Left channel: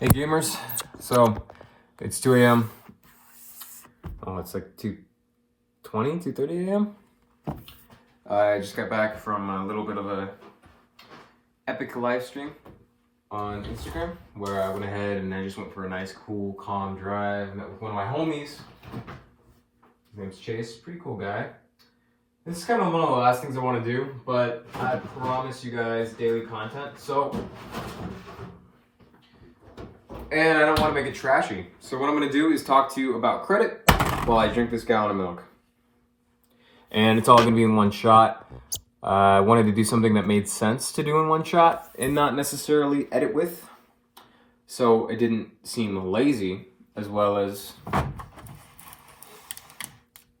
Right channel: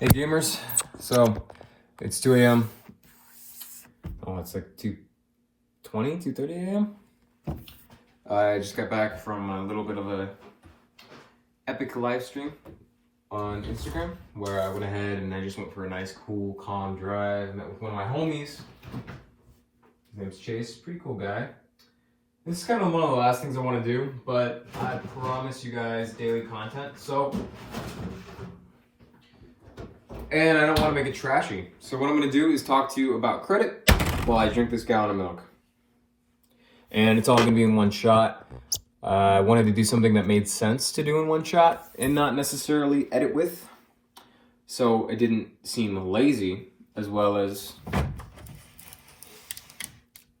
Hey gamers, so it's 2 a.m. Oh, it's like 2:30 a.m. I just got back from a little bit of a epic live stream on Instagram where I went ahead and I just went for a nice, cool, calm drive. Met with one of my homies. His name's Chase, pretty cool guy. This is kind of one of the last things I want to do, but I promise you guys daily content. And I don't want to make it trashy. So what I'm going to do is talk to you about credit while I drink this gallon of milk. And it's all going to be in one shot. I wanted to do something that made sense to do in one shot and not necessarily edit with. So it didn't seem lazy, as well as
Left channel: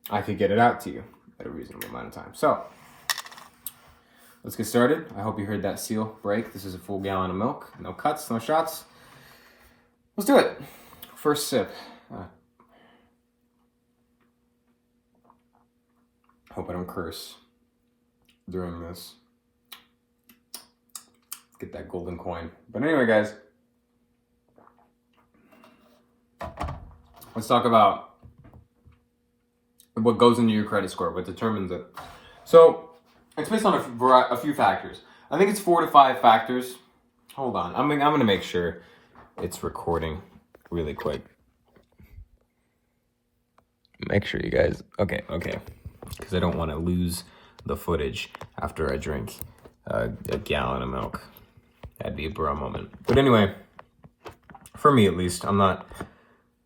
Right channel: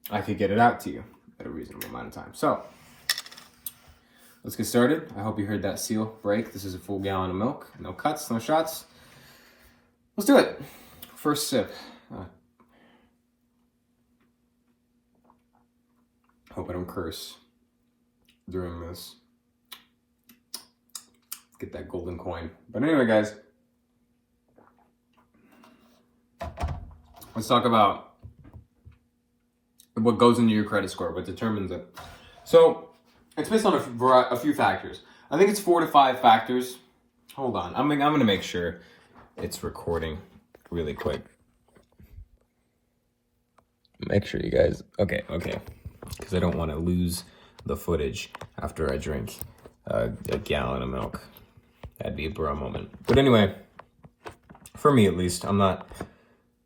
I could get it out to you at a reasonable amount of time. So let's get started. I hope you heard that seal break. This is a full gallon of milk. No cuts, no shots. Let's do it. First sip. Hope I don't curse during this. Let's get that golden coin. But anyway, guys, let's talk about what goes into your credit score, what determines it. So it's based on a few factors. I think it's 4 to 5 factors. Hold on, I'm gonna make sure it's recording really quick. Make sure you guys, okay, because I don't want to lose the footage after I drink a gallon of milk. That'd be a bro moment. But anyway, for me at least, I'm not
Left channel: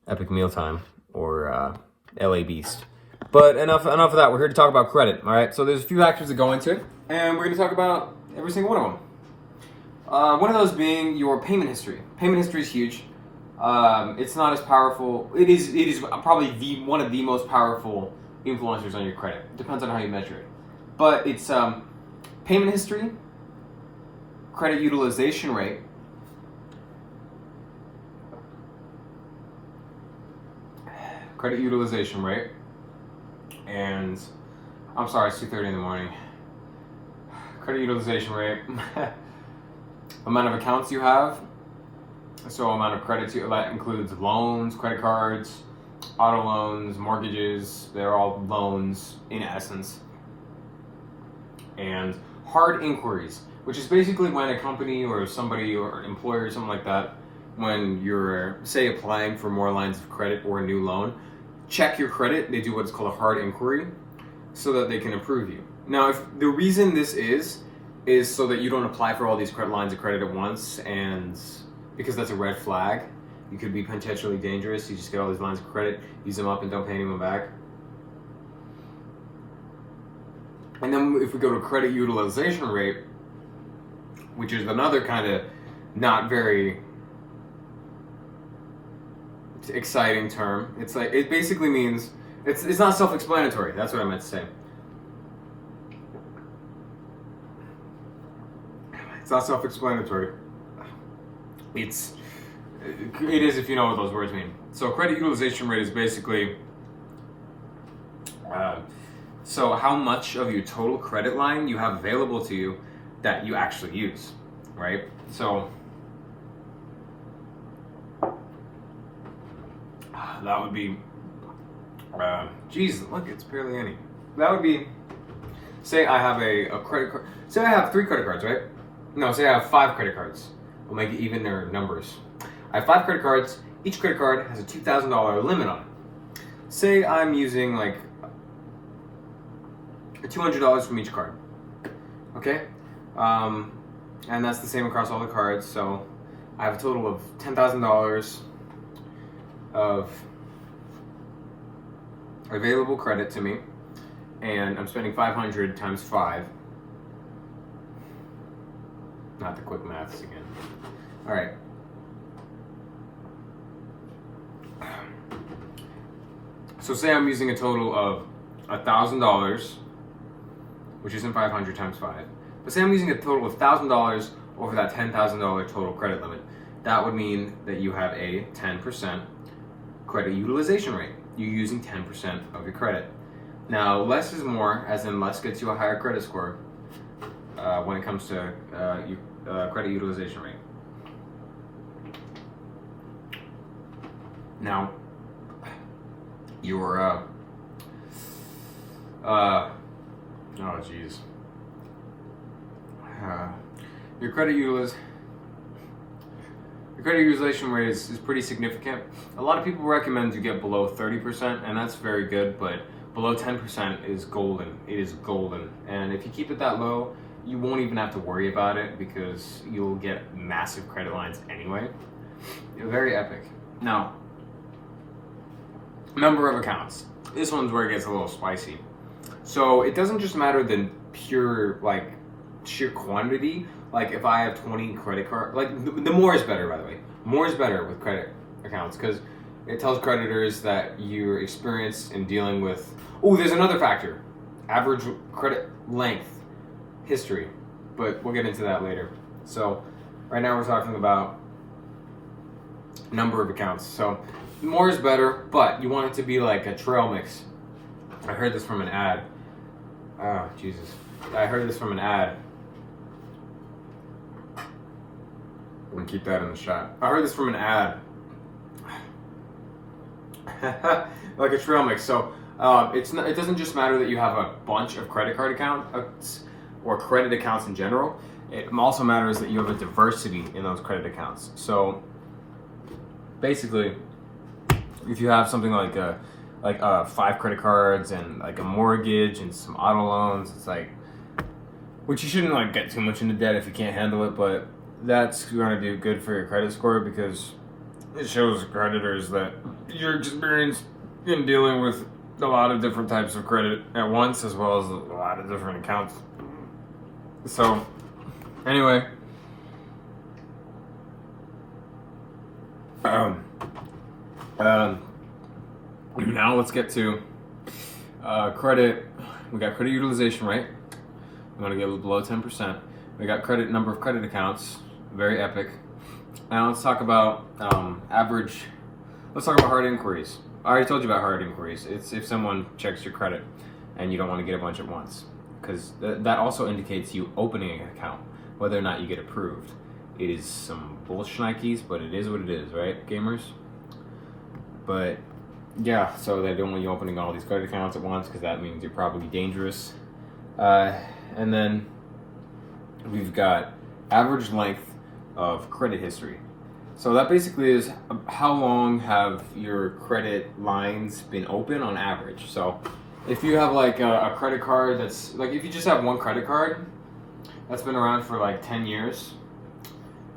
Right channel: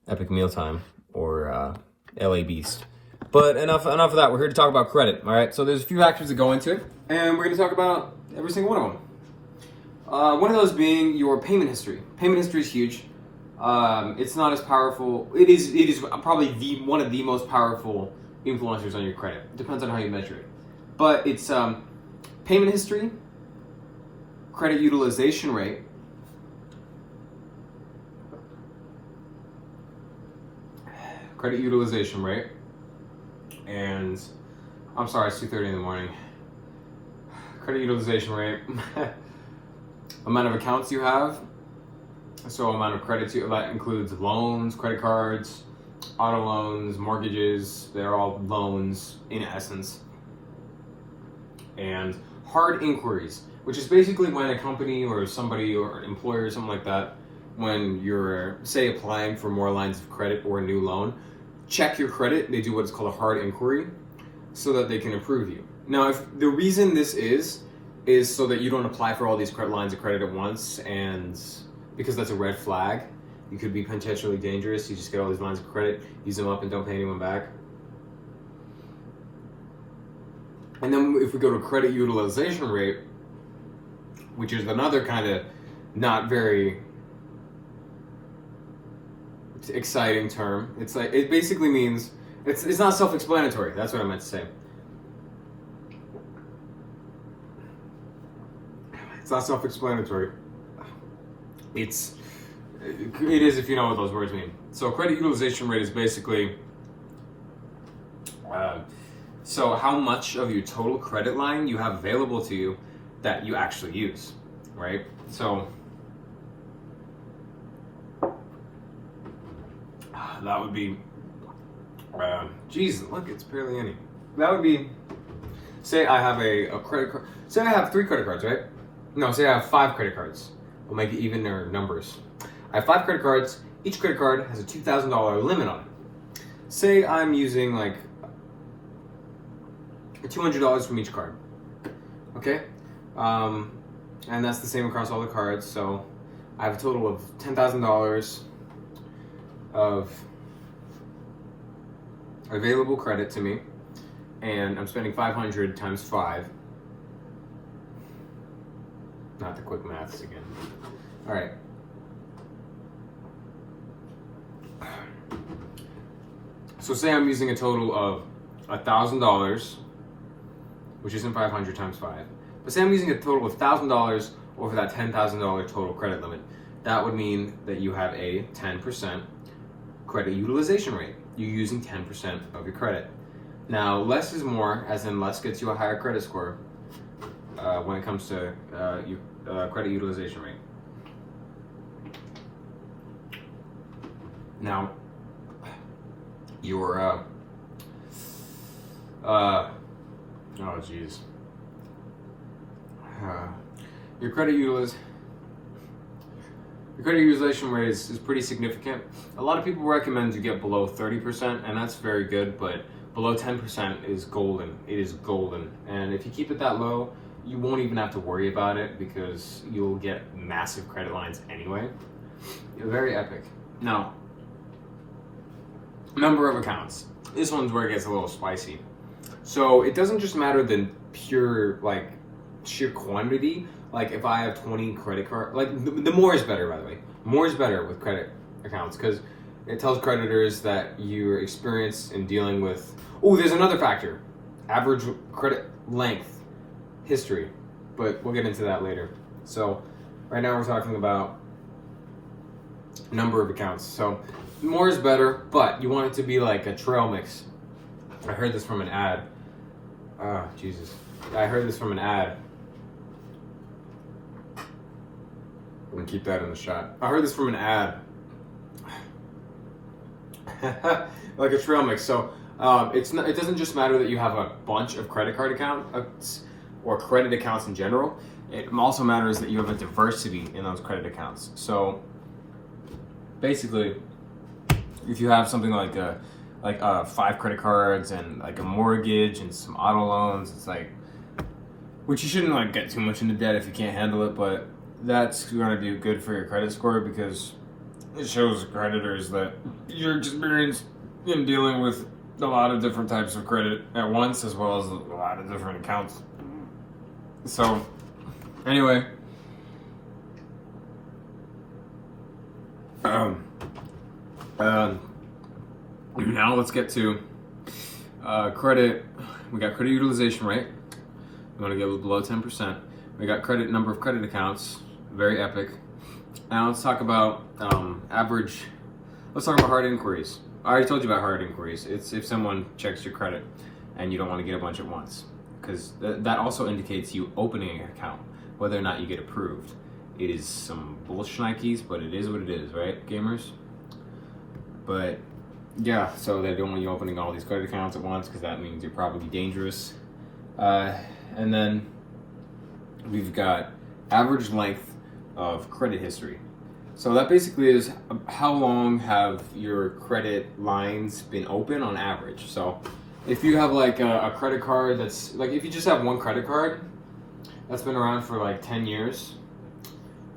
Epic Mealtime or LA Beast. But enough of that. We're here to talk about credit, all right? So there's a few factors that go into it, and we're going to talk about every single one of them. One of those being your payment history. Payment history is huge. It's not as powerful. It is probably one of the most powerful influencers on your credit. It depends on how you measure it. But it's payment history, credit utilization rate, and I'm sorry, it's 2:30 in the morning. Credit utilization rate, amount of accounts you have, so amount of credit that includes loans, credit cards, auto loans, mortgages. They're all loans in essence. And hard inquiries, which is basically when a company or somebody or an employer or something like that, when you're, say, applying for more lines of credit or a new loan, check your credit. They do what's called a hard inquiry so that they can approve you. Now, if the reason this is so that you don't apply for all these lines of credit at once, and because that's a red flag. You could be potentially dangerous. You just get all these lines of credit, use them up, and don't pay anyone back. And then if we go to credit utilization rate, which is another kind of not very exciting term. It's like, it basically means, it's not self-explanatory. That's what I meant to say. It's not self-explanatory. It is if you know what those words mean. So credit utilization rate is basically so how much of your total credit line you have available to you that you actually use, right? So that would be, geez, look, it's barely any. That would be, say I have a credit card, say I have 3 credit cards, right? No, say I have 5 credit cards. We'll make it even their numbers. I have 5 credit cards. Each credit card has a $2,000 limit on it. Say I'm using like $200 from each card. Okay? And that's the same across all the cards. So I have a total of $10,000 of available credit to me. And I'm spending $500 times 5. Not the quick maths again. All right. So say I'm using a total of $1,000, which isn't 500 times 5. But say I'm using a total of $1,000 over that $10,000 total credit limit. That would mean that you have a 10% credit utilization rate. You're using 10% of your credit. Now, less is more, as in less gets you a higher credit score when it comes to credit utilization rate. Now, your oh geez, your credit utilization rate is pretty significant. A lot of people recommend you get below 30%, and that's very good, but below 10% is golden. It is golden. And if you keep it that low, you won't even have to worry about it because you'll get massive credit lines anyway. Very epic. Now, number of accounts. This one's where it gets a little spicy. So it doesn't just matter the pure, like, sheer quantity. Like if I have 20 credit card, like the more is better, by the way. More is better with credit accounts because it tells creditors that you're experienced in dealing with. Oh, there's another factor: average credit length, history. But we'll get into that later. So right now we're talking about number of accounts. So more is better, but you want it to be like a trail mix. I heard this from an ad. Oh, Jesus. I heard this from an ad. I'm gonna keep that in the shot. I heard this from an ad. Like a trail mix. So it doesn't just matter that you have a bunch of credit card accounts or credit accounts in general. It also matters that you have a diversity in those credit accounts. So basically, if you have something like 5 credit cards and like a mortgage and some auto loans, it's like, which you shouldn't like get too much into debt if you can't handle it, but that's going to do good for your credit score because it shows creditors that you're experienced in dealing with a lot of different types of credit at once, as well as a lot of different accounts. So anyway, now let's get to credit. We got credit utilization rate. We want to get below 10%. We got number of credit accounts, very epic. Now let's talk about average. Let's talk about hard inquiries. I already told you about hard inquiries. It's if someone checks your credit and you don't want to get a bunch at once, because that also indicates you opening an account, whether or not you get approved. It is some bullshnikes, but it is what it is, right, gamers? But yeah, so they don't want you opening all these credit accounts at once because that means you're probably dangerous. And then we've got average length of credit history. So that basically is how long have your credit lines been open on average. So if you have like a credit card that's like, if you just have one credit card that's been around for like 10 years,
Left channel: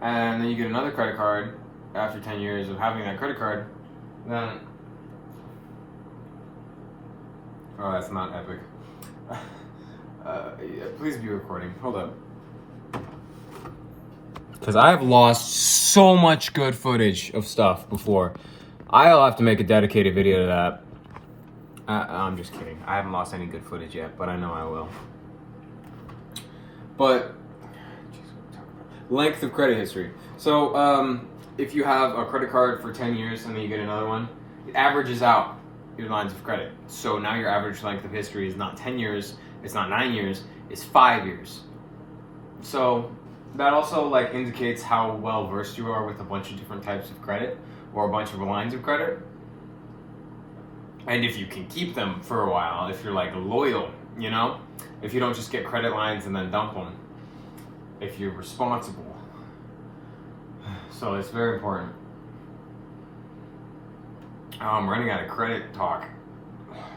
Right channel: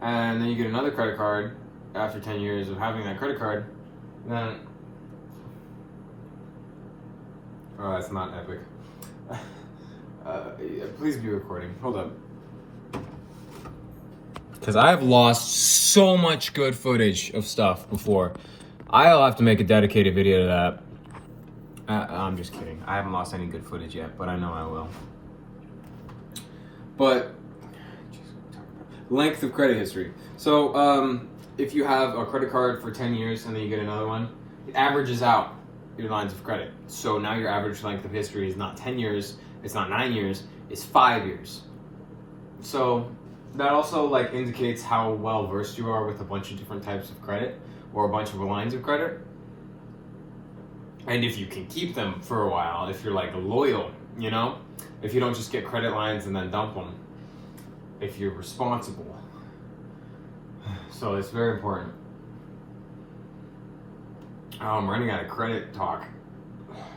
and then you get another credit card after 10 years of having that credit card, then, oh, that's not epic. Please be recording. Hold up. Because I have lost so much good footage of stuff before. I'll have to make a dedicated video to that. I'm just kidding. I haven't lost any good footage yet, but I know I will. But, length of credit history. So, if you have a credit card for 10 years and then you get another one, it averages out your lines of credit. So now your average length of history is not 10 years, it's not 9 years, it's 5 years. So that also like indicates how well versed you are with a bunch of different types of credit or a bunch of lines of credit. And if you can keep them for a while, if you're like loyal, you know, if you don't just get credit lines and then dump them, if you're responsible. So it's very important. I'm running out of credit talk.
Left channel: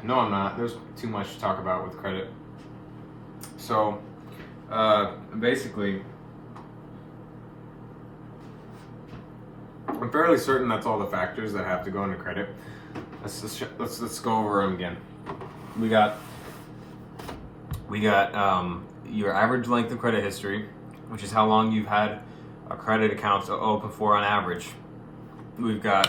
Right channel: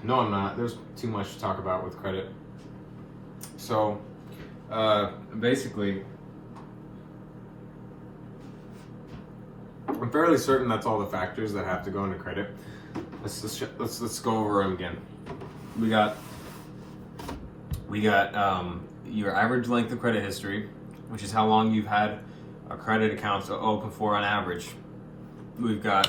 No, I'm not. There's too much to talk about with credit. So, basically, I'm fairly certain that's all the factors that have to go into credit. Let's go over them again. We got your average length of credit history, which is how long you've had a credit account to open for on average. We've got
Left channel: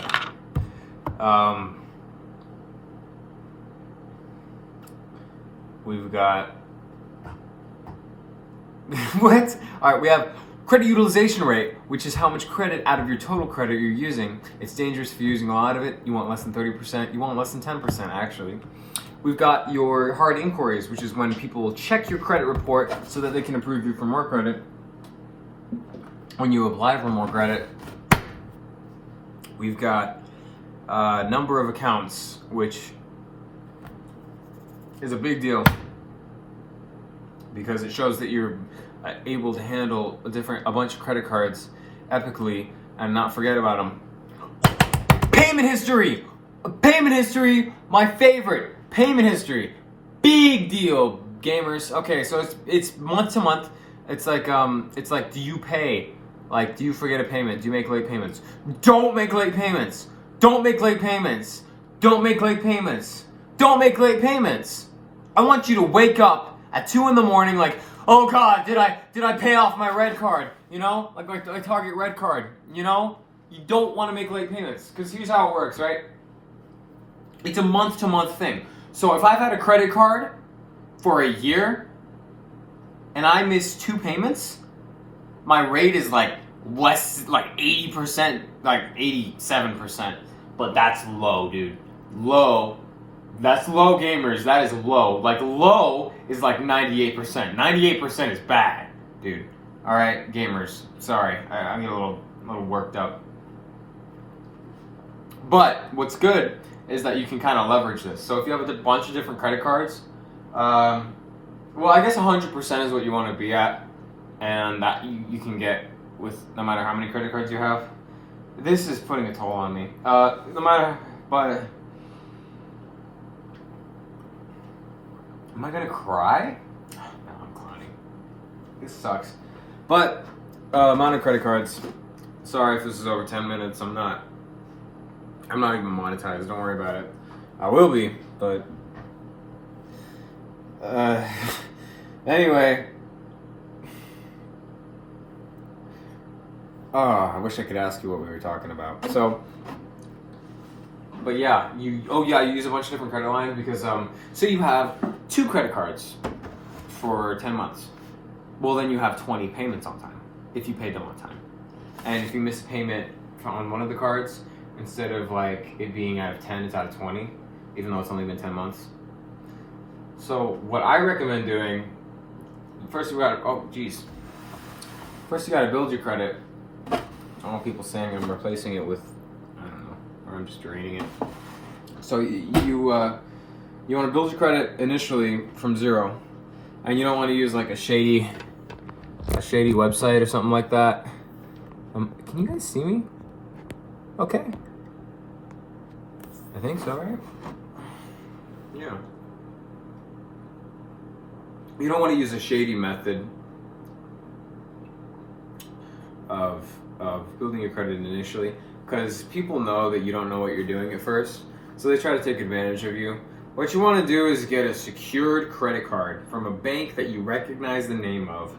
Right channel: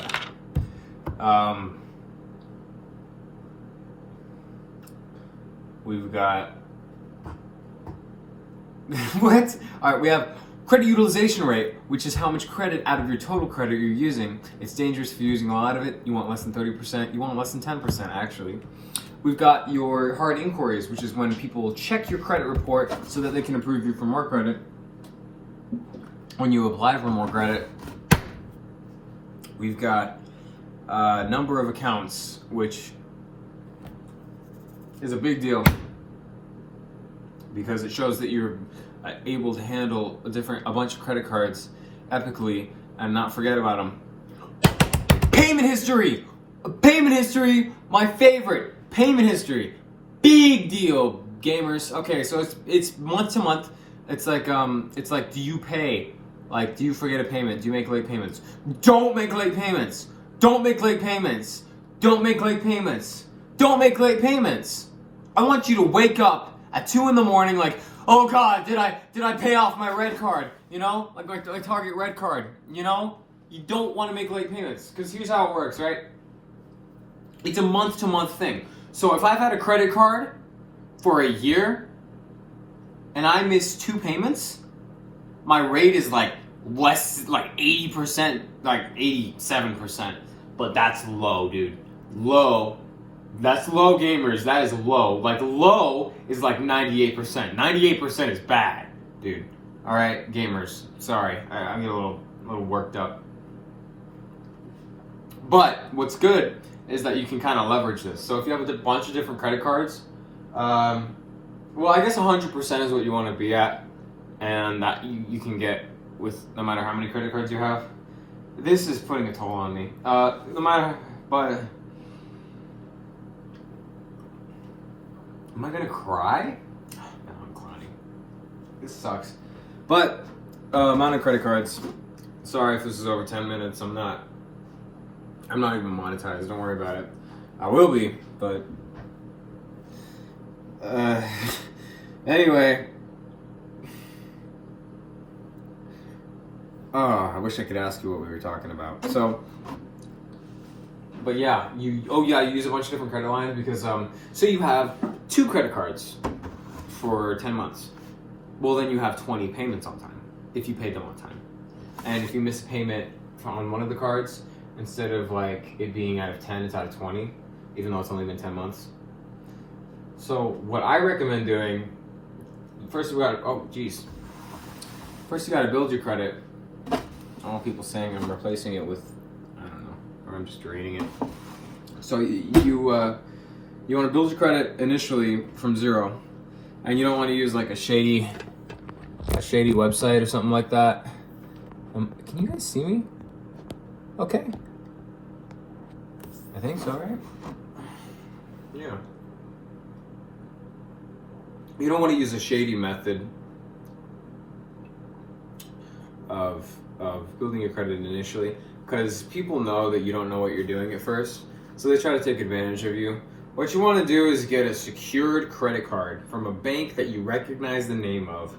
what? All right, we have credit utilization rate, which is how much credit out of your total credit you're using. It's dangerous if you're using a lot of it. You want less than 30%. You want less than 10%, actually. We've got your hard inquiries, which is when people check your credit report so that they can approve you for more credit. When you apply for more credit, we've got number of accounts, which is a big deal because it shows that you're able to handle a bunch of credit cards epically and not forget about them. Payment history! Payment history, my favorite. Payment history. Big deal, gamers. Okay, so it's month to month. It's like do you pay? Like, do you forget a payment? Do you make late payments? Don't make late payments. Don't make late payments. Don't make late payments. Don't make late payments. I want you to wake up at 2 in the morning like, oh God, did I pay off my red card? You know, like my Target red card. You know, you don't want to make late payments because here's how it works, right? It's a month-to-month thing. So if I've had a credit card for a year and I miss 2 payments, my rate is like less, like 80%, like 87%. But that's low, dude. Low. That's low, gamers. That is low. Like, low is like 98%. 98% is bad, dude. All right, gamers. Sorry, I get a little worked up. But what's good is that you can kind of leverage this. So if you have a bunch of different credit cards, well, I guess 100% is what you want to be at, and that you can get with no matter how many credit cards you have. This is putting a toll on me. No matter, but am I gonna cry? No, I'm crying. This sucks. But amount of credit cards. Sorry if this is over 10 minutes. I'm not even monetized. Don't worry about it. I will be, but anyway. Oh, I wish I could ask you what we were talking about. So, but yeah, you use a bunch of different credit lines because so you have 2 credit cards for 10 months. Well, then you have 20 payments on time if you paid them on time. And if you miss a payment on one of the cards, instead of like it being out of 10, it's out of 20, even though it's only been 10 months. So what I recommend doing, first you gotta build your credit. I don't want people saying I'm replacing it with, I don't know, or I'm just draining it. So you want to build your credit initially from 0, and you don't want to use like a shady website or something like that. Can you guys see me? Okay. I think so, right? Yeah. You don't want to use a shady method of building your credit initially, because people know that you don't know what you're doing at first, so they try to take advantage of you. What you want to do is get a secured credit card from a bank that you recognize the name of.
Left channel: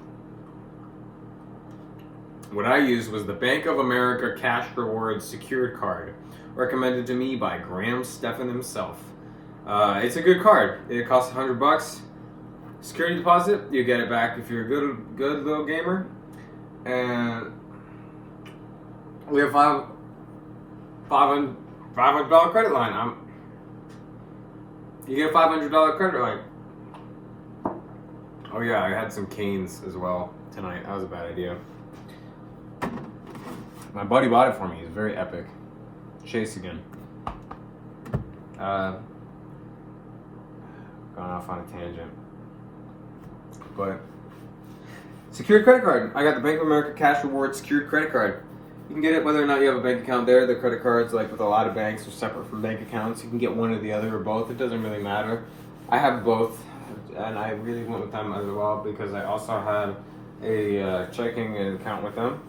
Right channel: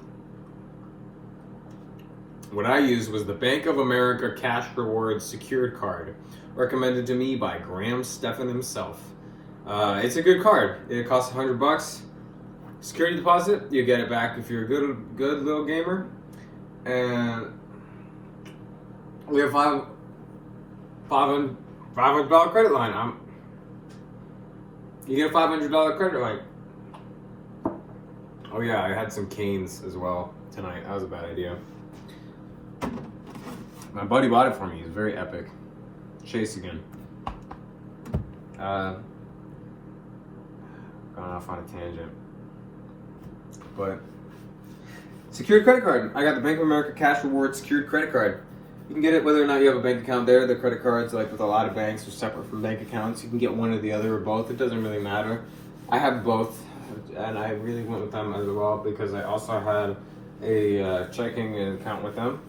What I used was the Bank of America Cash Rewards Secured Card, recommended to me by Graham Stephan himself. It's a good card. It costs $100. Security deposit, you get it back if you're a good little gamer. And we have $500 credit line. You get a $500 credit line. Oh yeah, I had some canes as well tonight. That was a bad idea. My buddy bought it for me. He's very epic. Chase again. Going off on a tangent. But secured credit card. I got the Bank of America Cash Rewards Secured Credit Card. You can get it whether or not you have a bank account there. The credit cards, like with a lot of banks, are separate from bank accounts. You can get one or the other or both. It doesn't really matter. I have both, and I really went with them as well because I also had a checking account with them.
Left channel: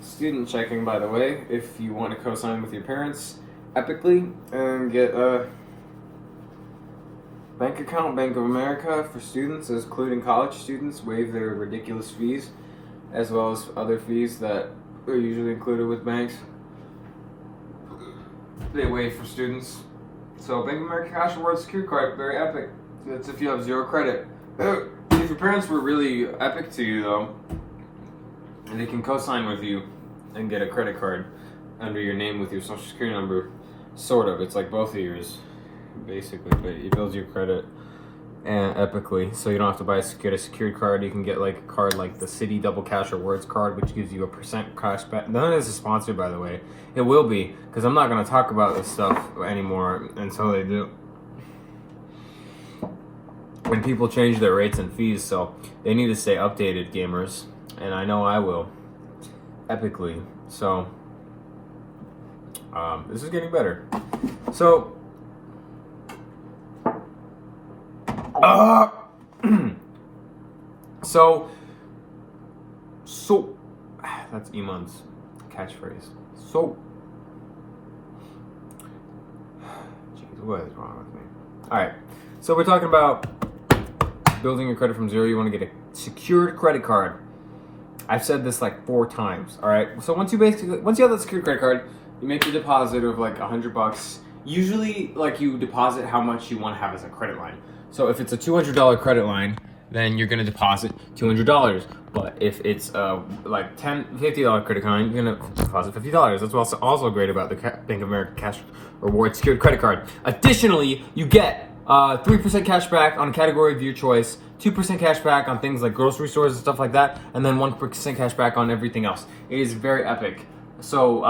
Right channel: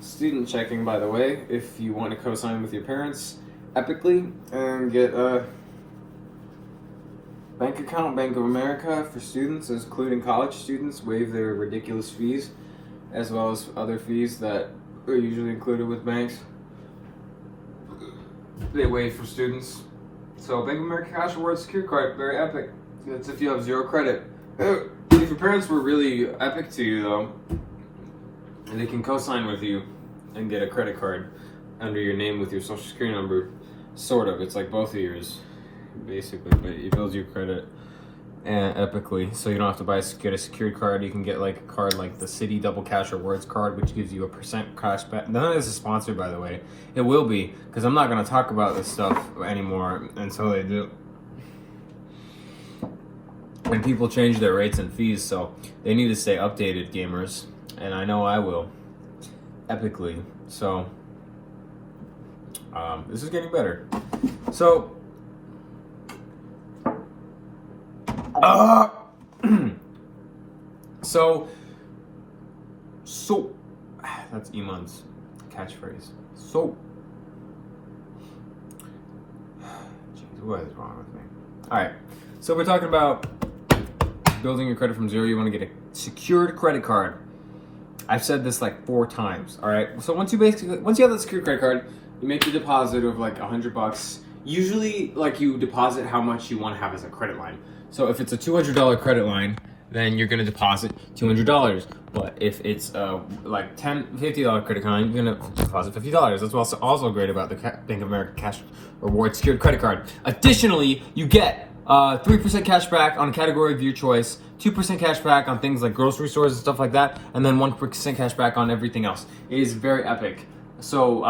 Student checking, by the way, if you want to co-sign with your parents epically and get a bank account. Bank of America for students, including college students, waive their ridiculous fees, as well as other fees that are usually included with banks. They waive for students. So Bank of America Cash Rewards Secure Card, very epic. That's if you have 0 credit. If your parents were really epic to you though, they can co-sign with you and get a credit card under your name with your social security number. Sort of. It's like both of yours, basically, but it builds your credit. and epically. So you don't have to get a secured card. You can get like a card like the City Double Cash Rewards card, which gives you a % cash back. None of this is sponsored, by the way. It will be, because I'm not going to talk about this stuff anymore until they do. When people change their rates and fees, so they need to stay updated, gamers. And I know I will, epically. So this is getting better. So so that's Iman's catchphrase. So jeez, what is wrong with me? All right, so we're talking about building your credit from zero. You want to get a secured credit card. I've said this like 4 times. All right, so once you have that secured credit card, you make your deposit of like $100. Usually, like, you deposit how much you want to have as a credit line. So if it's a $200 credit line, then you're gonna deposit $200. But if it's like $50 credit line, you're gonna deposit $50. That's also great about the Bank of America Cash Rewards secured credit card. Additionally, you get 3% cash back on a category of your choice, 2% cash back on things like grocery stores and stuff like that, and then 1% cash back on everything else. It is very epic. So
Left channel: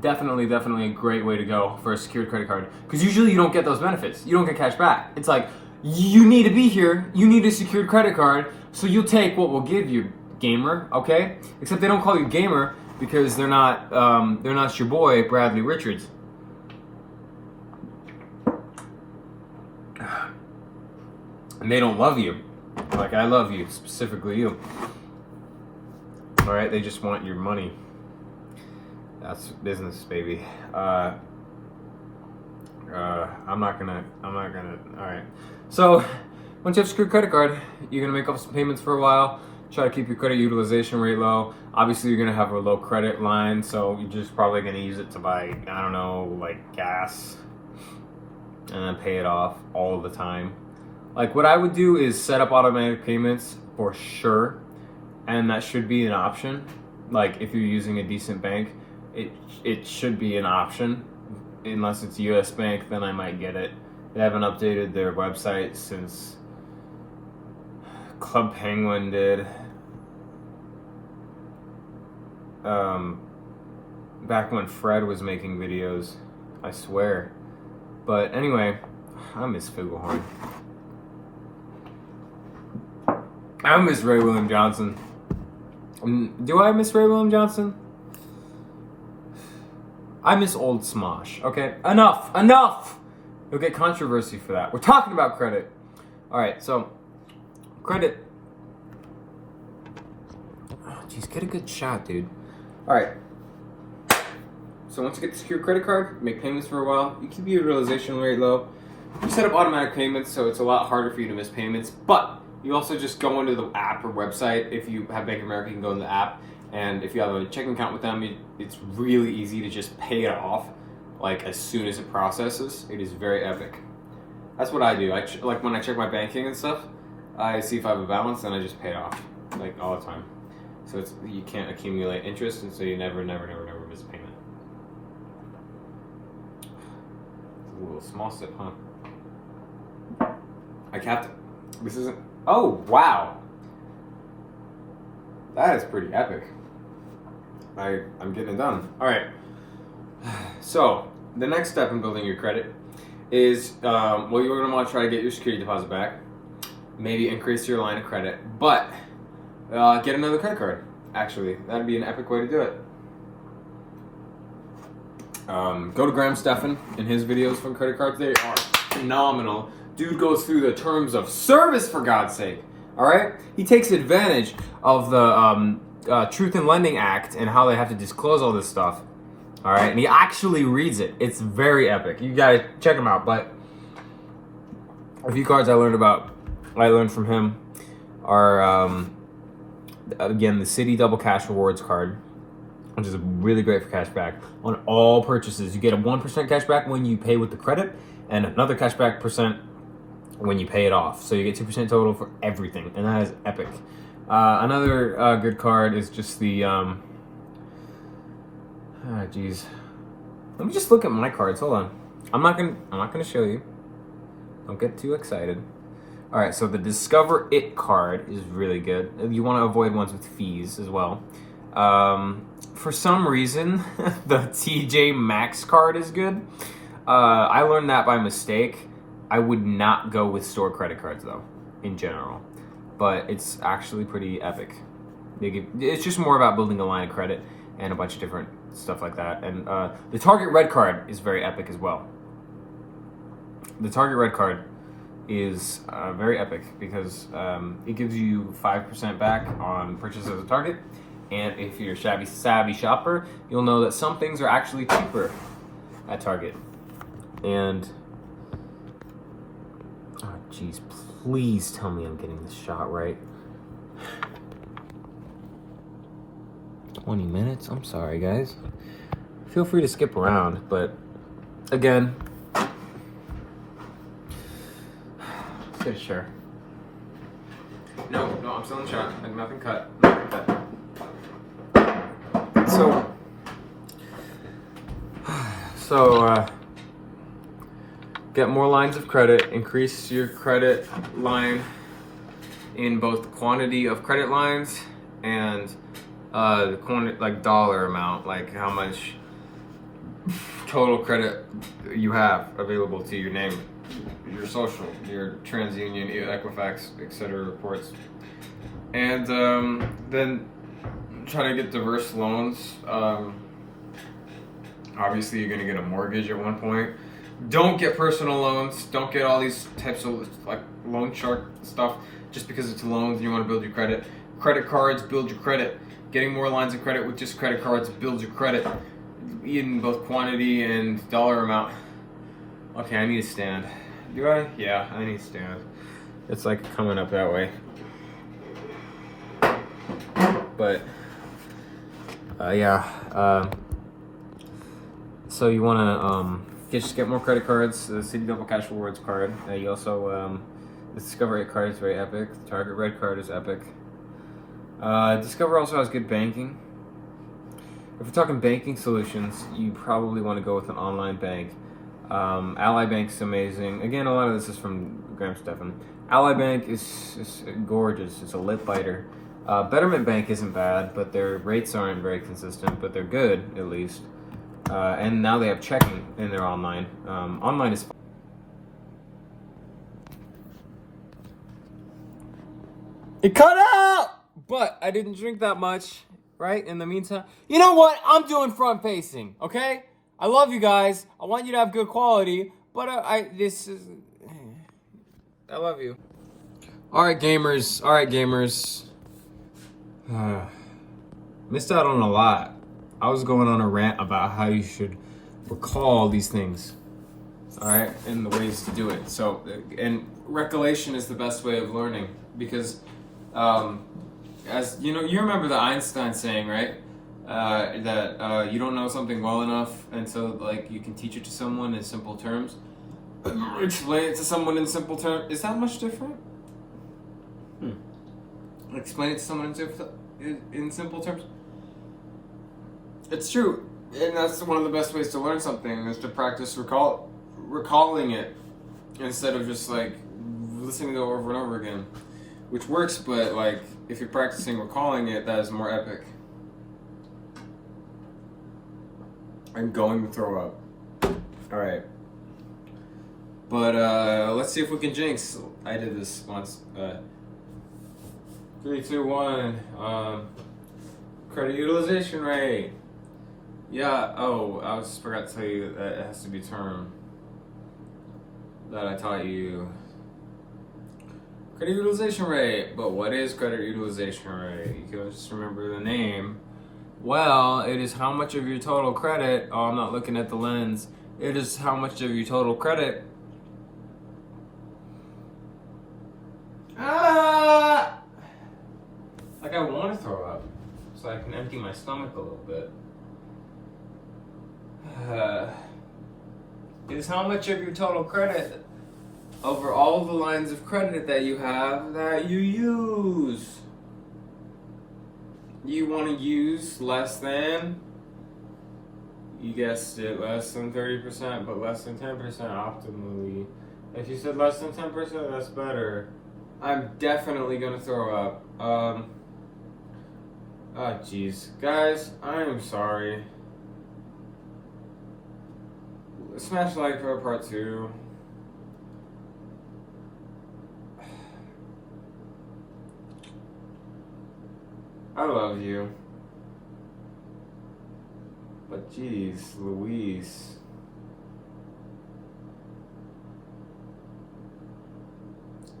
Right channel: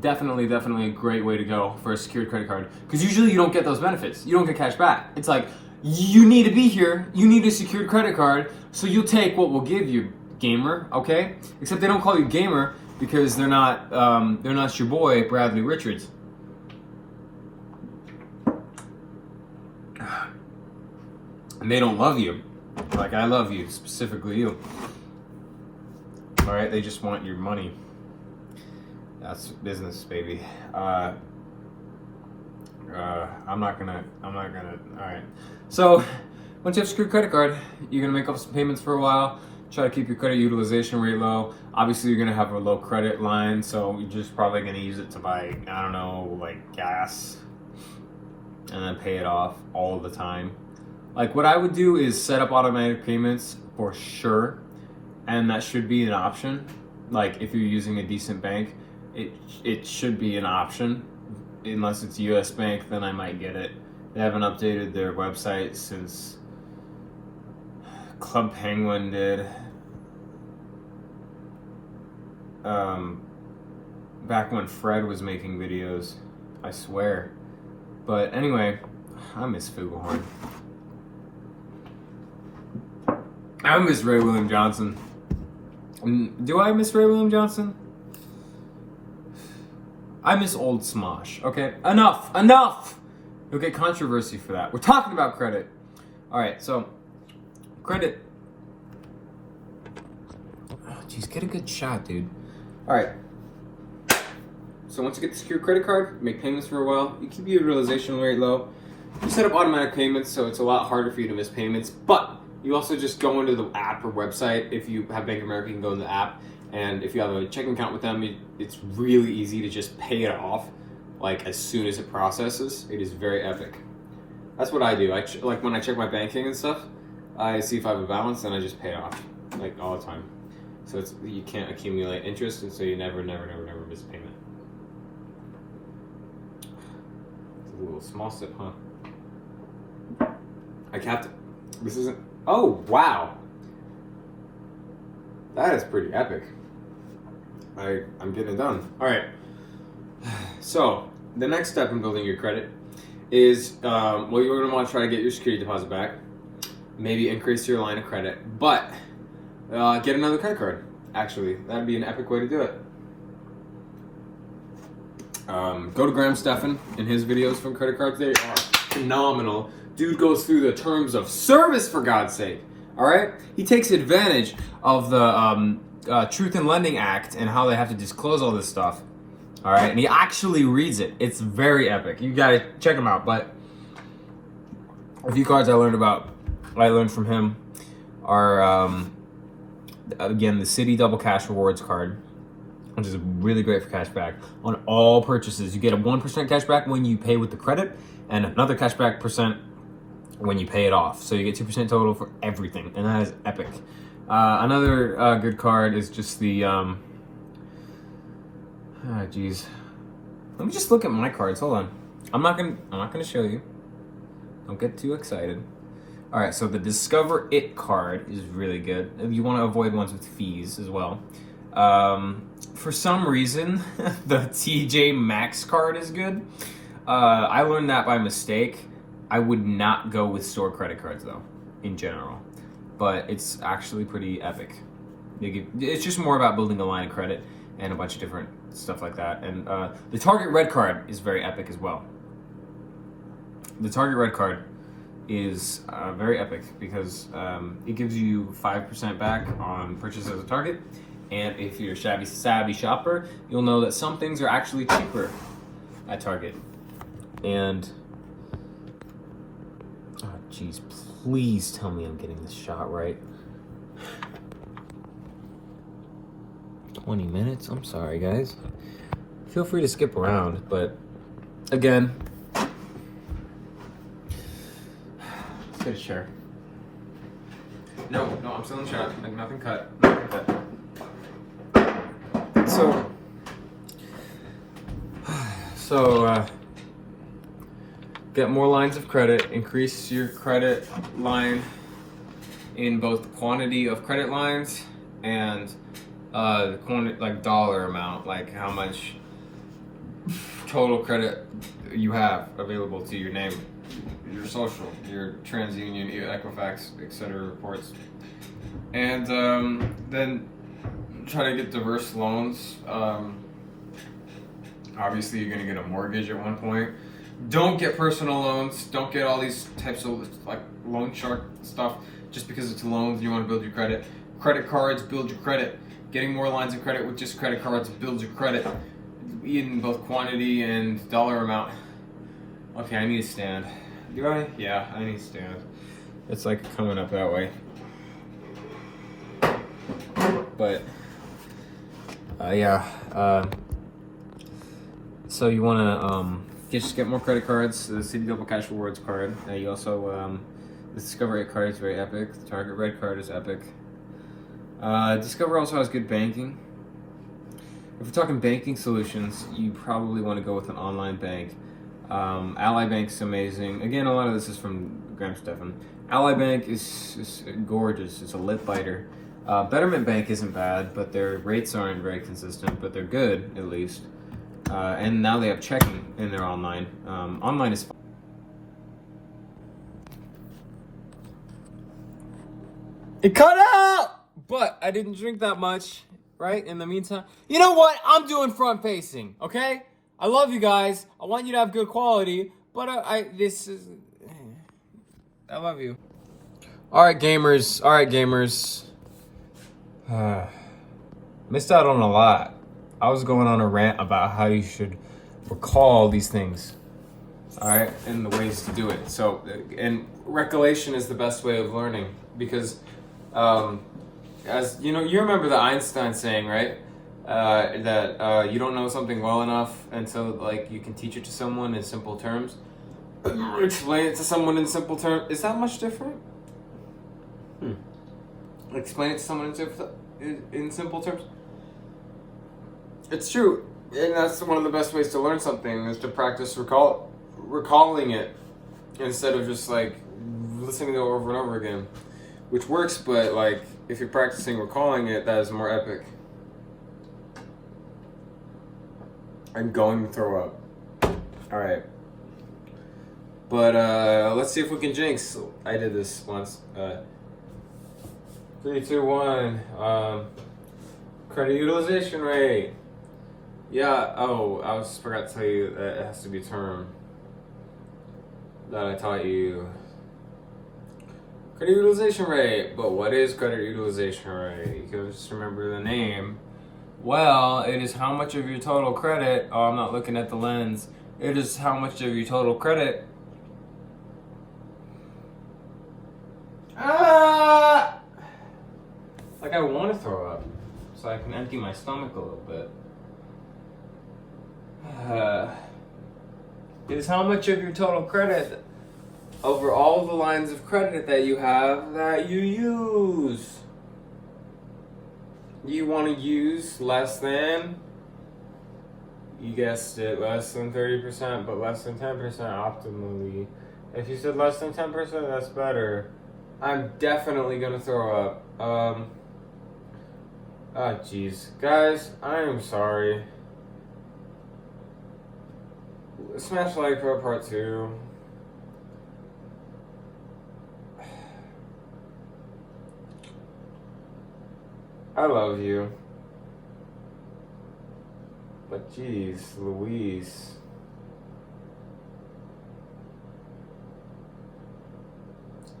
definitely a great way to go for a secured credit card, because usually you don't get those benefits. You don't get cash back. It's like, you need to be here, you need a secured credit card, so you'll take what we'll give you, gamer, okay? Except they don't call you gamer because they're not your boy Bradley Richards. And they don't love you like I love you, specifically you. All right, they just want your money. That's business, baby. I'm not gonna. All right. So once you have a secured credit card, you're gonna make up some payments for a while. Try to keep your credit utilization rate low. Obviously, you're gonna have a low credit line, so you're just probably gonna use it to buy, I don't know, like gas, and then pay it off all the time. Like, what I would do is set up automatic payments for sure, and that should be an option. Like, if you're using a decent bank, it should be an option. Unless it's US Bank, then I might get it. They haven't updated their website since Club Penguin did. Back when Fred was making videos, I swear. But anyway, I miss Flugelhorn. I miss Ray William Johnson. Do I miss Ray William Johnson? I miss old Smosh. Okay, enough! You'll get controversy for that. We're talking about credit. All right, so credit. Oh, geez, get a good shot, dude. All right. So once you get the secured credit card, make payments for a while. You keep your utilization rate low. You set up automatic payments, so it's a lot harder for you to miss payments. But you also just go into the app or website. If you have Bank of America, you can go in the app. And if you have a checking account with them, it's really easy to just pay it off, like, as soon as it processes. It is very epic. That's what I do. Like, when I check my banking and stuff, I see if I have a balance, and I just pay it off, like, all the time. So you can't accumulate interest, and so you never miss a payment. It's a little small sip, huh? I capped it. This isn't. Oh, wow. That is pretty epic. I'm getting it done. All right. So the next step in building your credit is, well, you're going to want to try to get your security deposit back. Maybe increase your line of credit, but get another credit card. Actually, that'd be an epic way to do it. Go to Graham Stephan in his videos for credit cards. They are phenomenal. Dude goes through the terms of service, for God's sake. All right, he takes advantage of the Truth in Lending Act and how they have to disclose all this stuff. All right, and he actually reads it. It's very epic. You gotta check him out. But a few cards I learned from him are again, the City Double Cash Rewards card, which is really great for cash back on all purchases. You get a 1% cash back when you pay with the credit, and another cash back percent when you pay it off. So you get 2% total for everything, and that is epic. Another good card is just the geez. Let me just look at my cards. Hold on. I'm not gonna show you. Don't get too excited. All right, so the Discover It card is really good. You want to avoid ones with fees as well. For some reason, the TJ Maxx card is good. I learned that by mistake. I would not go with store credit cards though, in general. But it's actually pretty epic. It's just more about building a line of credit and a bunch of different stuff like that. And the Target Red card is very epic as well. The Target Red card is very epic because it gives you 5% back on purchases at Target. And if you're a savvy shopper, you'll know that some things are actually cheaper at Target. And, oh geez, please tell me I'm getting this shot right. 20 minutes? I'm sorry, guys. Feel free to skip around, but again, good share. No, I'm still in the shot. Like nothing cut. So, get more lines of credit, increase your credit line in both the quantity of credit lines and the quantity, like dollar amount, like how much total credit you have available to your name, your social, your TransUnion, your Equifax, etc. reports. And then try to get diverse loans. Obviously, you're going to get a mortgage at one point. Don't get personal loans. Don't get all these types of like loan shark stuff just because it's loans and you want to build your credit. Credit cards build your credit. Getting more lines of credit with just credit cards builds your credit in both quantity and dollar amount. Okay, I need to stand. Do I? Yeah, I need to stand. It's like coming up that way. But so you want to just get more credit cards. The City Double Cash Rewards card. You also the Discover It card is very epic. The Target Red card is epic. Discover also has good banking. If we're talking banking solutions, you probably want to go with an online bank. Ally Bank's amazing. Again, a lot of this is from Graham Stephan. Ally Bank is gorgeous. It's a lip biter. Betterment Bank isn't bad, but their rates aren't very consistent, but they're good at least. And now they have checking in their online. Online is fine. It cut out! But I didn't drink that much, right? In the meantime, you know what? I'm doing front facing, okay? I love you guys. I want you to have good quality, but I love you. All right, gamers. Missed out on a lot. I was going on a rant about how you should recall these things, all right, and the ways to do it. So, and recollection is the best way of learning because, as you know, you remember the Einstein saying, right? That you don't know something well enough until like you can teach it to someone in simple terms. Explain it to someone in simple terms. Is that much different? Explain it to someone in simple terms. It's true, and that's one of the best ways to learn something is to practice recalling it instead of just like listening to it over and over again, which works. But like if you're practicing recalling it, that is more epic. I'm going to throw up. All right. But let's see if we can jinx. I did this once. 3, 2, 1. Credit utilization rate. Yeah. Oh, I forgot to tell you that it has to be a term that I taught you. Credit utilization rate. But what is credit utilization rate? You can just remember the name. Well, it is how much of your total credit. Oh, I'm not looking at the lens. It is how much of your total credit. Like I want to throw up, so I can empty my stomach a little bit. It is how much of your total credit over all the lines of credit that you have that you use. You want to use less than, you guessed it, less than 30%, but less than 10% optimally. If you said less than 10%, that's better. I'm definitely gonna throw up. Oh, jeez. Guys, I'm sorry. Smash like for part 2. I love you. But jeez, Louise.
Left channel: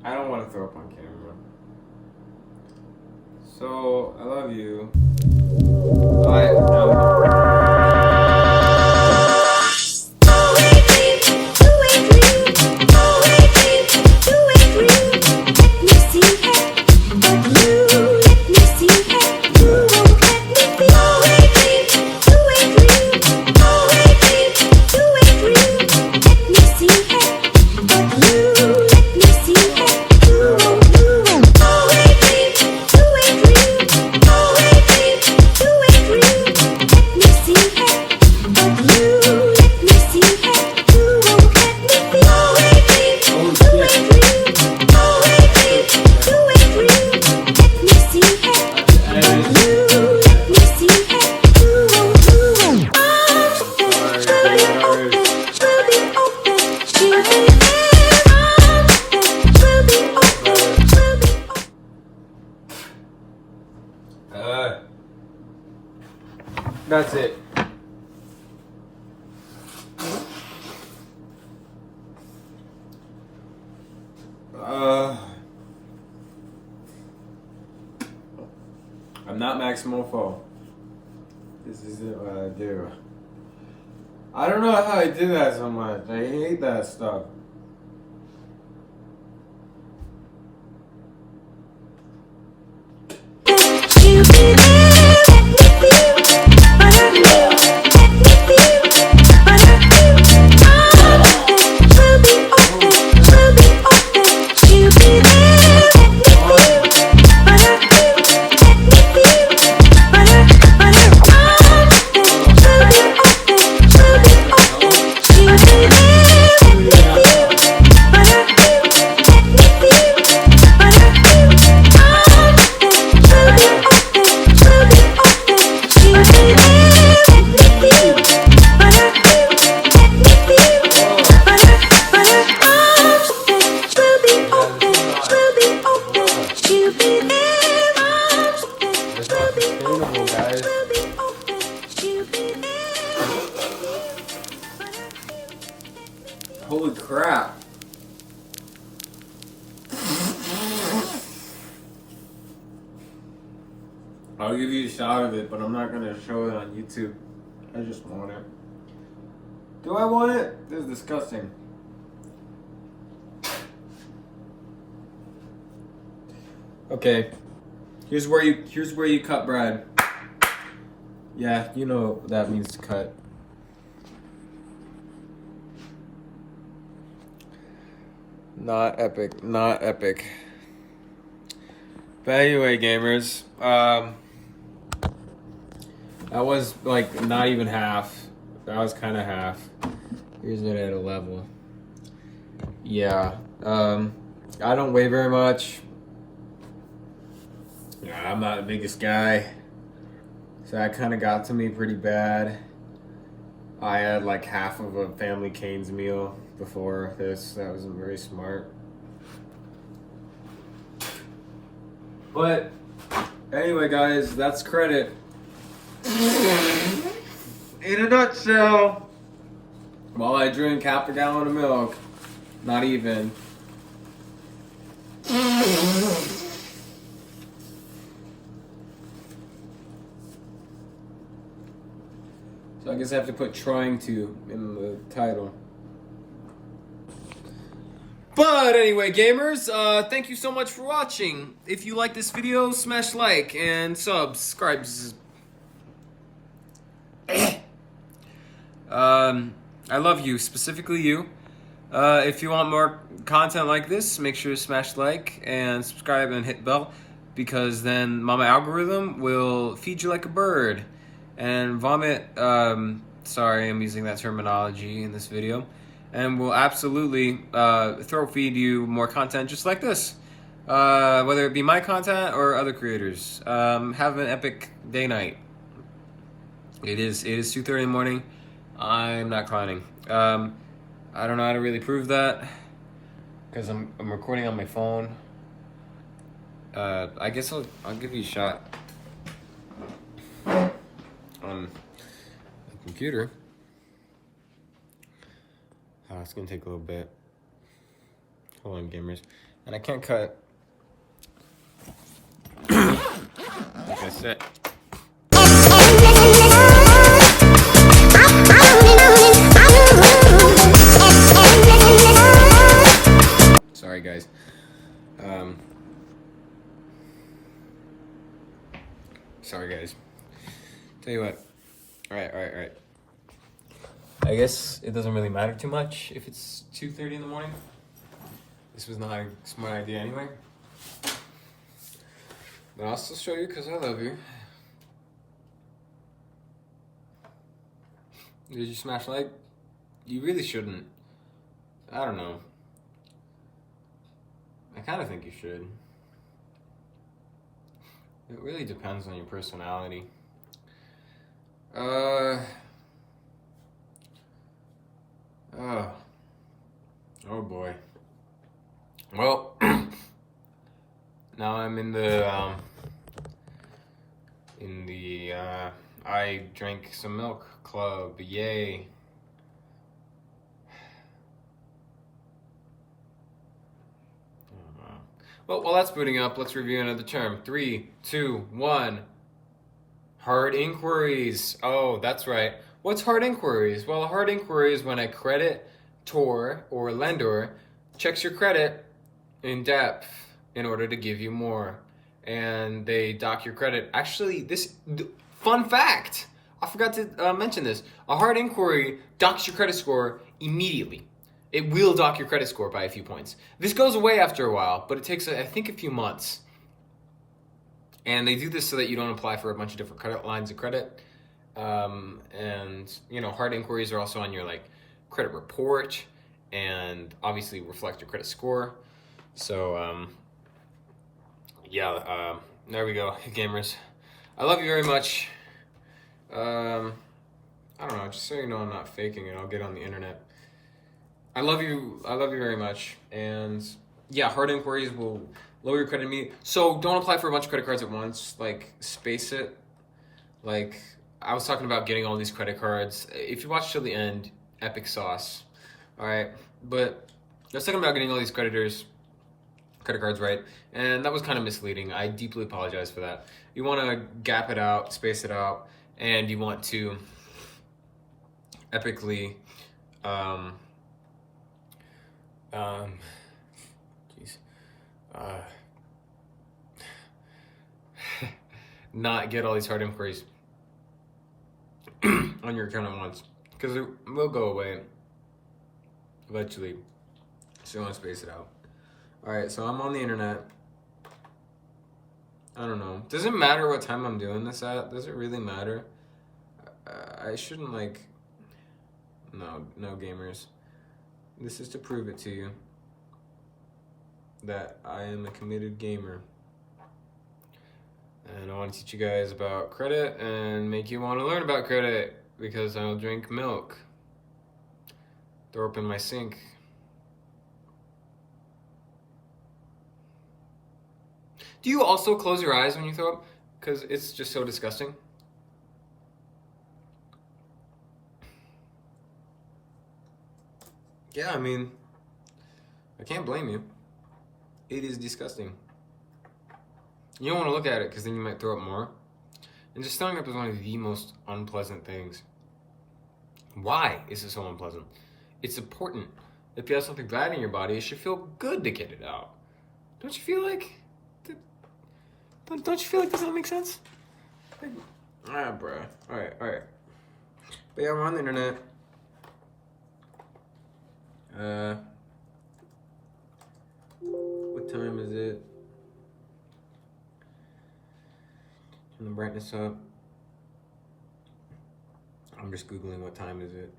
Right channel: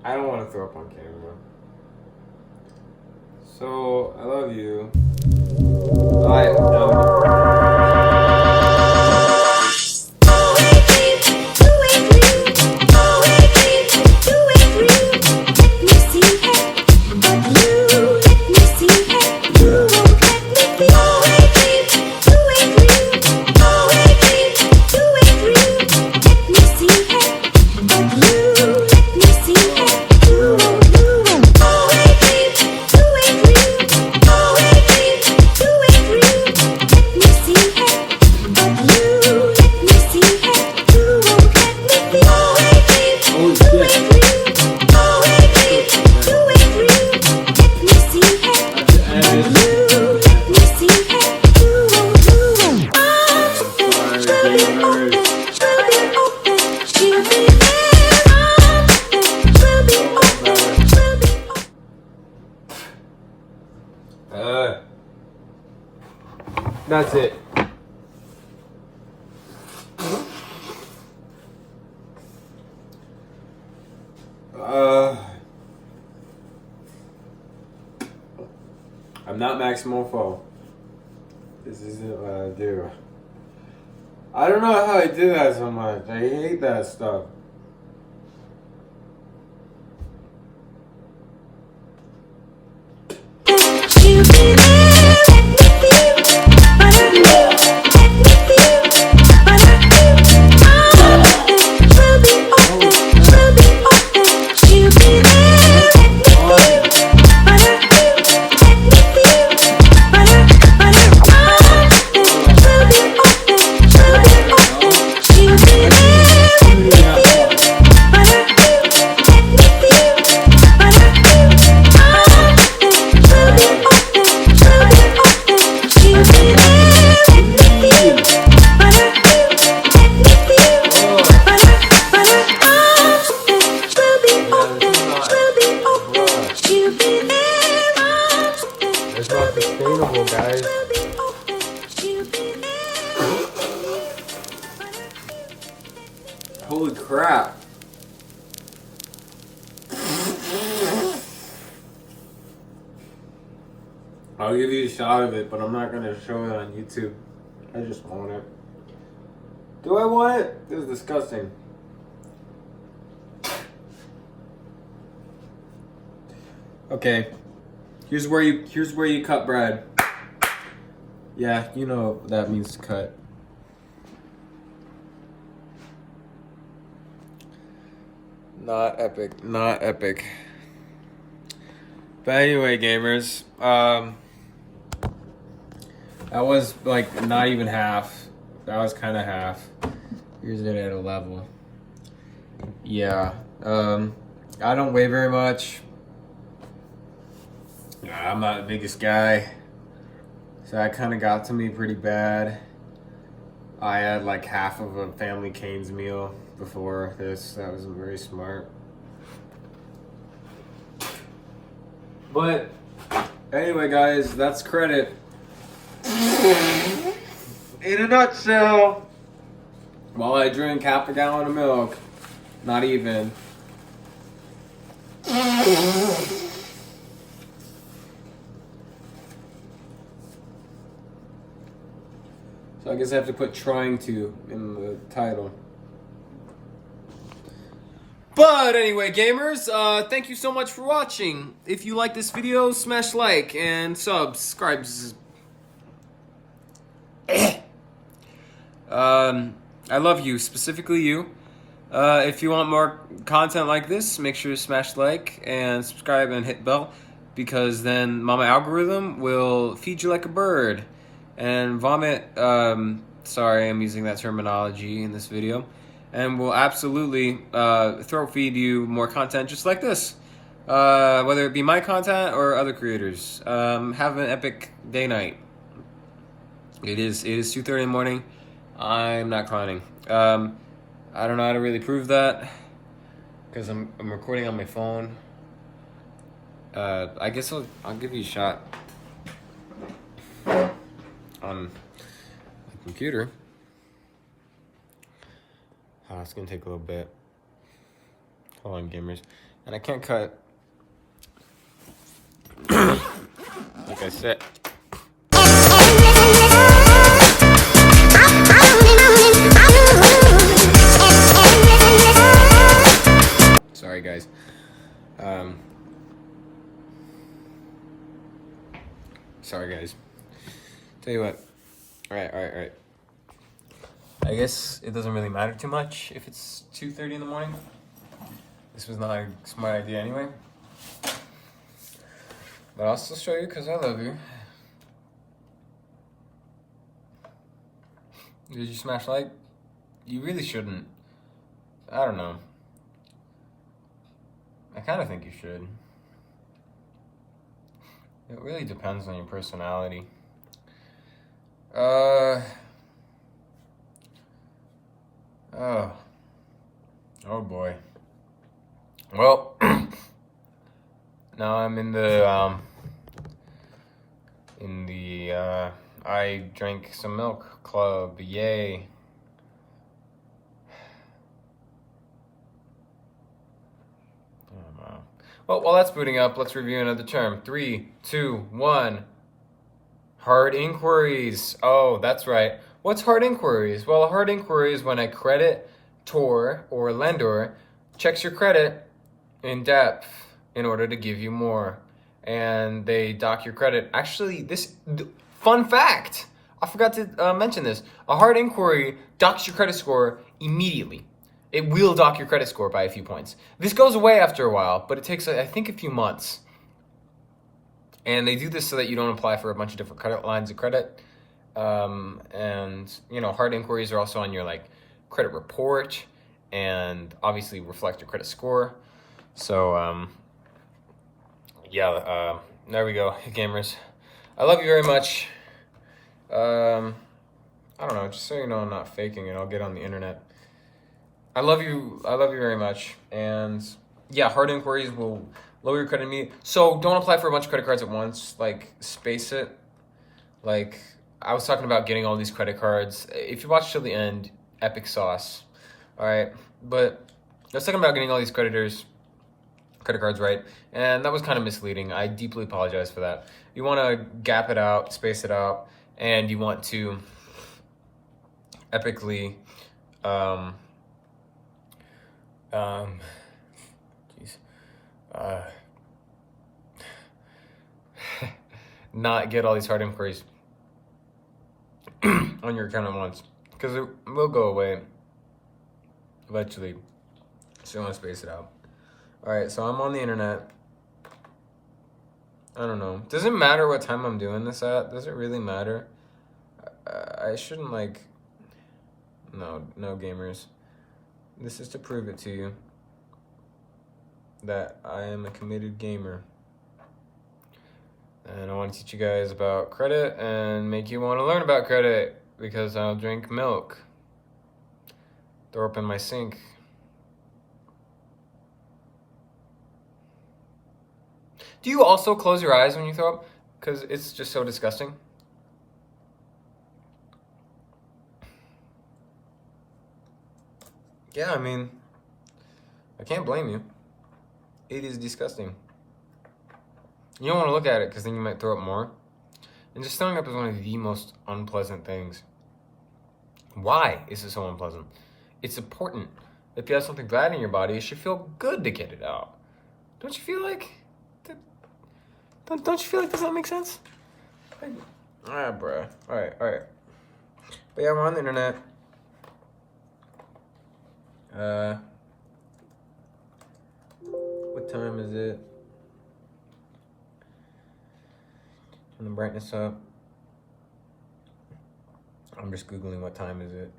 I don't want to throw up on camera. So, I love you. That's it. I'm not maximal foe. This isn't what I do. I don't know how I do that so much. I hate that stuff. Holy crap. I'll give you a shot of it, but I'm not gonna show it on YouTube. I just want it. Do I want it? This is disgusting. Okay. Here's where you cut bread. Yeah, you know what that means to cut. Not epic. Not epic. But anyway, gamers, that was like not even half. That was kind of half. Here's it at a level. Yeah. I don't weigh very much. I'm not the biggest guy. So that kind of got to me pretty bad. I had like half of a Family Cane's meal before this. That wasn't very smart. But anyway, guys, that's credit. In a nutshell, while I drink half a gallon of milk, not even. So I guess I have to put trying to in the title. But anyway, gamers, thank you so much for watching. If you like this video, smash like and subscribe. I love you, specifically you. If you want more content like this, make sure to smash like and subscribe and hit bell, because then my algorithm will feed you like a bird and vomit. Sorry, I'm using that terminology in this video. And will absolutely throat feed you more content just like this. whether it be my content or other creators. Have an epic day night. It is 2:30 in the morning. I'm not clowning. I don't know how to really prove that because I'm recording on my phone. I guess I'll give you a shot on the computer. Oh, it's gonna take a little bit. Hold on, gamers. And I can't cut. Like I said. Sorry, guys. Sorry, guys. Tell you what. All right. I guess it doesn't really matter too much if it's 2:30 in the morning. This was not a smart idea anyway. But I'll still show you because I love you. Did you smash like? You really shouldn't. I don't know. I kind of think you should. It really depends on your personality. Oh boy. Well, now I'm in the I drank some milk club. Yay. Oh, wow. Well, while that's booting up, let's review another term. 3, 2, 1. Hard inquiries. Oh, that's right. What's hard inquiries? Well, a hard inquiry is when a creditor or lender checks your credit in depth in order to give you more. And they dock your credit. Actually, fun fact, I forgot to mention this. A hard inquiry docks your credit score immediately. It will dock your credit score by a few points. This goes away after a while, but it takes, I think, a few months. And they do this so that you don't apply for a bunch of different credit lines of credit. And, you know, hard inquiries are also on your, like, credit report and obviously reflect your credit score. So, yeah, there we go, gamers. I love you very much. I don't know, just so you know I'm not faking it, I'll get on the internet. I love you very much. And yeah, hard inquiries will lower your credit immediately. So don't apply for a bunch of credit cards at once, like space it. Like I was talking about getting all these credit cards. If you watch till the end, epic sauce. All right, but I was talking about getting all these credit cards, right? And that was kind of misleading. I deeply apologize for that. You want to gap it out, space it out, and you want to epically, not get all these hard inquiries on your account at once, because it will go away eventually. So you want to space it out. All right, so I'm on the internet. I don't know. Does it matter what time I'm doing this at? Does it really matter? I shouldn't like... No, gamers. This is to prove it to you that I am a committed gamer. And I want to teach you guys about credit and make you want to learn about credit, because I'll drink milk. Throw up in my sink. Do you also close your eyes when you throw up? Because it's just so disgusting. Yeah, I mean, I can't blame you. It is disgusting. You don't want to look at it because then you might throw up more. And just throwing up is one of the most unpleasant things. Why is it so unpleasant? It's important. If you have something bad in your body, it should feel good to get it out. Don't you feel like... Don't you feel like this don't make sense? Bruh. Alright. But yeah, we're on the internet. What time is it? Turn the brightness up. I'm just Googling what time is it.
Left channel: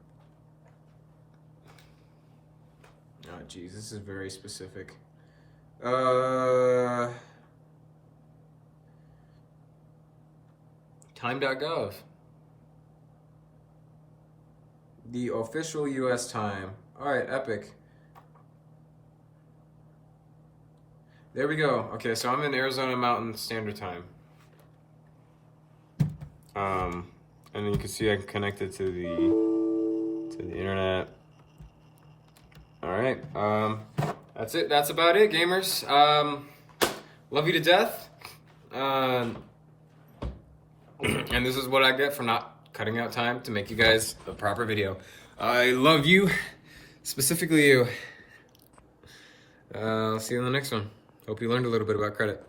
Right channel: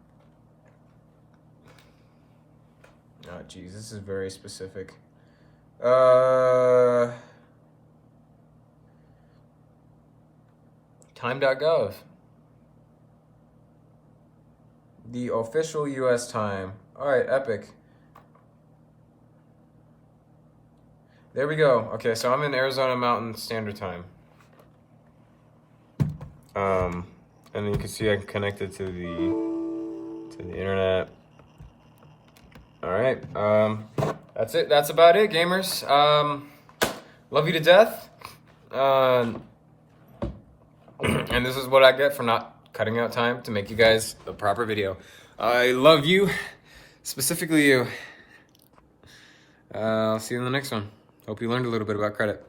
Oh, geez, this is very specific. Time.gov. The official US time. All right, epic. There we go. Okay, so I'm in Arizona Mountain Standard Time. And then you can see I'm connected to the internet. All right. That's it. That's about it, gamers. Love you to death. And this is what I get for not cutting out time to make you guys the proper video. I love you, specifically you. I'll see you in the next one. Hope you learned a little bit about credit.